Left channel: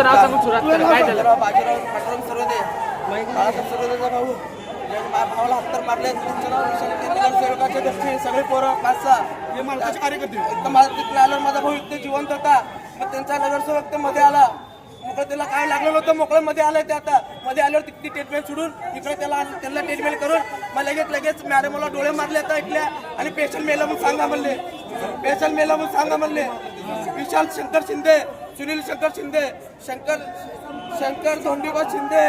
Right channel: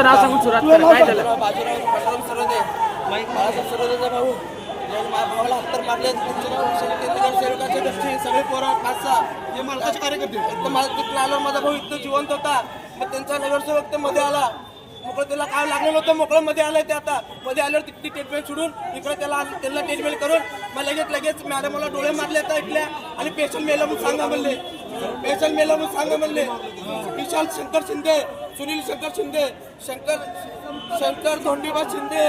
तुमचं नाव सांगून सुरुवात करा. काय झालं? बाजीराव पांडुरंग सरोदे, बाळासाहेब सरोदेचा भाऊ. माझ्या भावाला हत्तर मारले. तुमचं नाव नगरसेवकाच्या गोष्टी सगळे पोरं 5-6 हे मालकाचे कार्यकर्ते. इथं तिथं आल्यावर माझा भाऊ इथं जिवंत होता. मग त्यांचा नगरसेवक ते मध्ये आला. मोकळं त्याला काय लागलेलं होतं, मोकळं मध्ये आलंय ते. आता मध्ये आल्यावर तिथली ट्रीटमेंट सोडून इकडे त्यांना ट्रीटमेंट करून मग लगेच मॅडमला डोळे मारले आता इथल्या. आणि पेशंट मेलं म्हणून सांगा म्हणले, पेशंट मेलं म्हणून सांगा म्हणले. विशाल शंकर शिंदे, सुनील शंकर शिंदे, शंकर धोंडीबा शिंदे,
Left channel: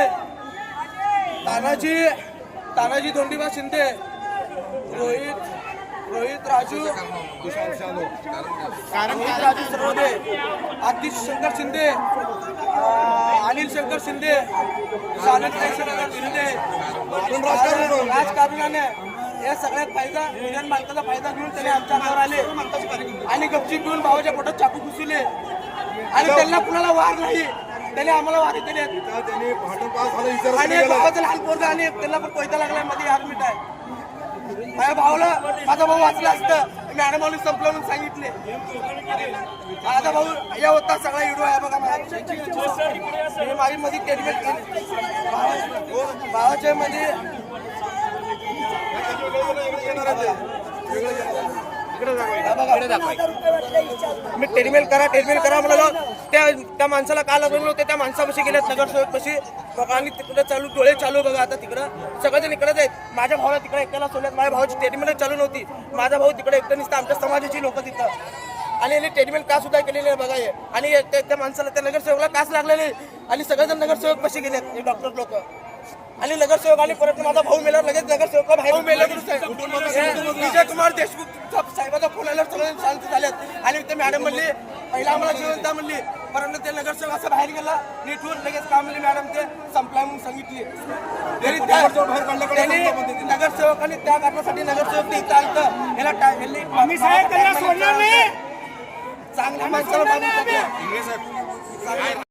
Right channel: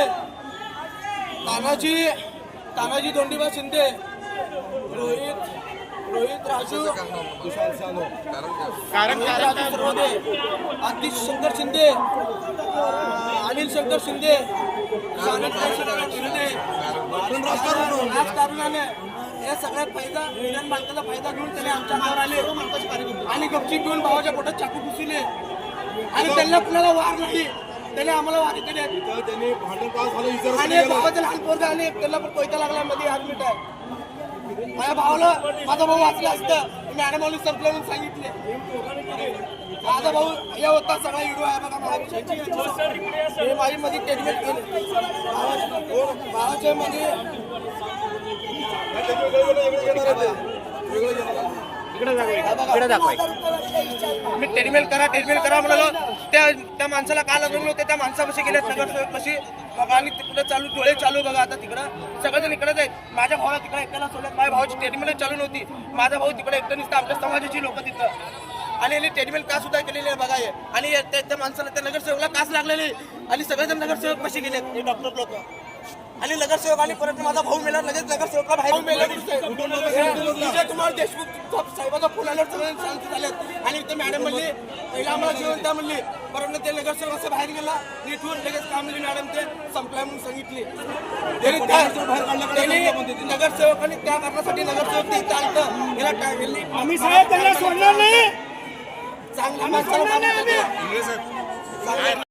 तानाजी धोंडीबा शिंदे, रोहित राजू सरोदे, आतिश शंकर शिंदे, अनिल शंकर शिंदे, सानंद शंकर शिंदे, राजकारणाने या सगळ्यात फायदा युनियन मालकाचा फायदा घेऊन त्याने आमच्या अंगावर आले आणि गपचीप घेऊन भावाच्या पोटात चाकू घुसले आणि त्यांना कुणाला वार नाही. त्याने आम्हाला वारी केली आणि भावाचं लहान पोरगा आणि त्याला पण कोयता लागला मध्ये ऍडमिट आहे. माझ्या भावाला माझा भाऊ वाचला असतं मॅडम संपलं म्हणून सांगितले. माझा भाऊ या होता सगळा व्हिडिओ आहे बघा. माझी मध्ये टेडमेट केली भावाच्या मध्ये मी टेडमेल करा म्हणाला. त्या माणसाला काय लागलं होतं, त्या माणसापाशी गेले नगरसेवक कशी बघा आणि तिकडे डोळे चालू बघा. आता तिकडं सगळेजण इकडेच आहेत. माझ्या भावाला तिकडे एकट्याला सोडल्यात. माझ्या भावाची टेडमेल चालू नव्हती. माझा भाऊ तिकडे एकटं नसतं, आमच्या समाजाची लोक तिथं आणि यांनी टेडमेल का सुद्धा केलेली आहे बघा. आणि त्या माणसाला त्या नगरसेवकला कास लागलेली आणि सगळेजण नगरसेवक कसे गेले डॉक्टर लोक आणि नगरसेवक आणि परत माझा भाऊ मेला. लगेच नगरसेवक बाहेर मेला. विजय कुमार देशमुख साहेबाचा फोन आल्यावर सगळे शांत झालेत आणि ते मॅडम म्हणली पहिला आम्हाला जिवंत म्हणली. परत ते नगरसेवक असं बाहेर गेला नीटवर लगेच काय म्हणली मॅडम ते संपला म्हणून सांगितली. नगरसेवक आणि त्या कारणासाठी नगरसेवक ते चालतं याला चांगल्या माणसाला